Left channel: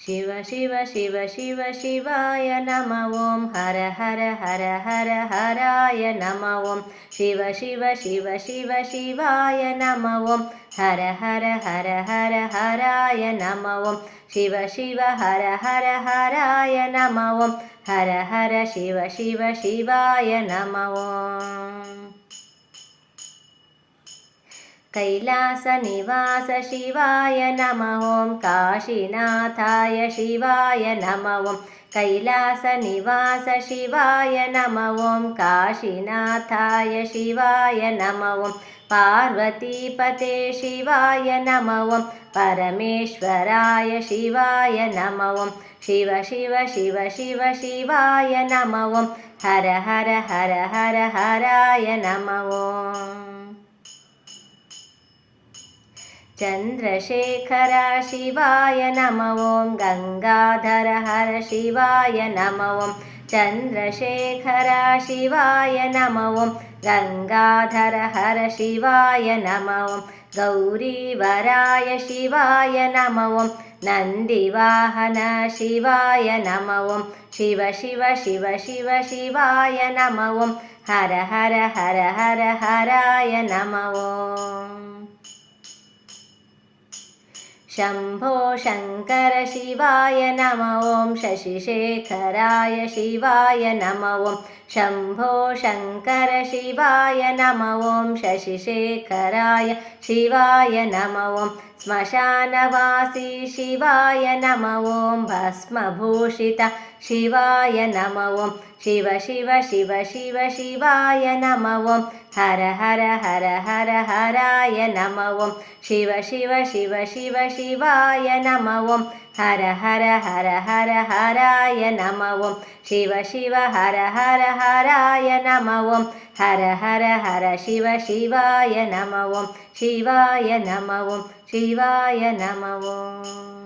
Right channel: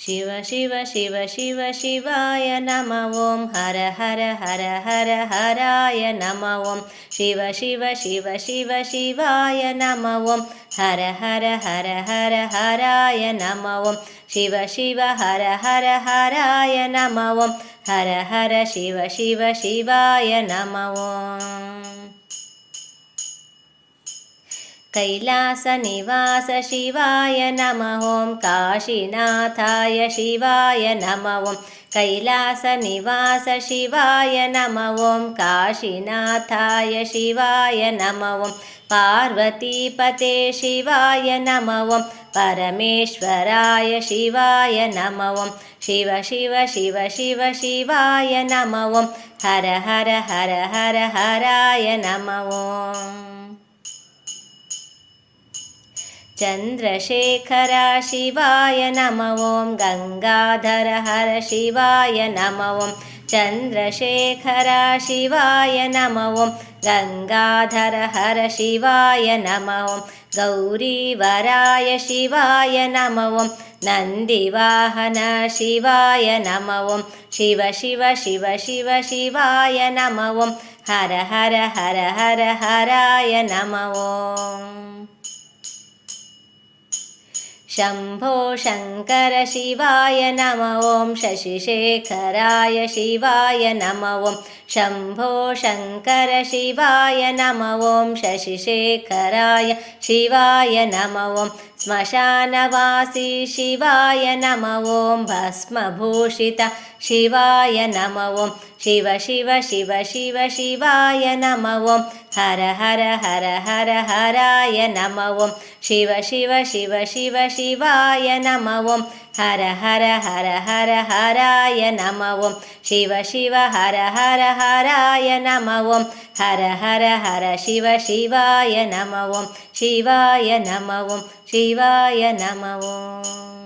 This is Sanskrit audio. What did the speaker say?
शिव शिव शिव शिव शिवाय नमः ॐ हर हर हर हर हराय नमः ॐ शिव शिव शिव शिव शिवाय नमः ॐ हर हर हर हर हराय नमः ॐ शिव शिव हर हर हराय नमः ॐ हर हर शिव शिव शिवाय नमः ॐ कैलासनिवास शिवाय नमः ॐ काशीनाथाय शिवाय नमः ॐ कैलासनिवास शिवाय नमः ॐ काशीनाथाय शिवाय नमः ॐ पार्वतीपते शिवाय नमः ॐ परमेश्वराय शिवाय नमः ॐ शिव शिव शिव शिव शिवाय नमः ॐ हर हर हर हर हराय नमः ॐ चन्द्रशेखर शिवाय नमः ॐ गङ्गाधर हर शिवाय नमः ॐ चन्द्रशेखर शिवाय नमः ॐ गङ्गाधर हर शिवाय नमः ॐ गौरीवराय शिवाय नमः ॐ नन्दिवाहन शिवाय नमः ॐ शिव शिव शिव शिव शिवाय नमः ॐ हर हर हर हर हराय नमः ॐ शम्भो शङ्कर शिवाय नमः ॐ शशिशेखराय शिवाय नमः ॐ शम्भो शङ्कर शिवाय नमः ॐ शशिशेखराय शिवाय नमः ॐ श्मशानवासी शिवाय नमः ॐ भस्मभूषित शिवाय नमः ॐ शिव शिव शिव शिव शिवाय नमः ॐ हर हर हर हर हराय नमः ॐ शिव शिव शिव शिव शिवाय नमः ॐ हर हर हर हर हराय नमः ॐ शिव शिव हर हर हराय नमः ॐ हर हर हर शिव शिवाय नमः ॐ शिवाय नमः ॐ शिवाय नमः ॐ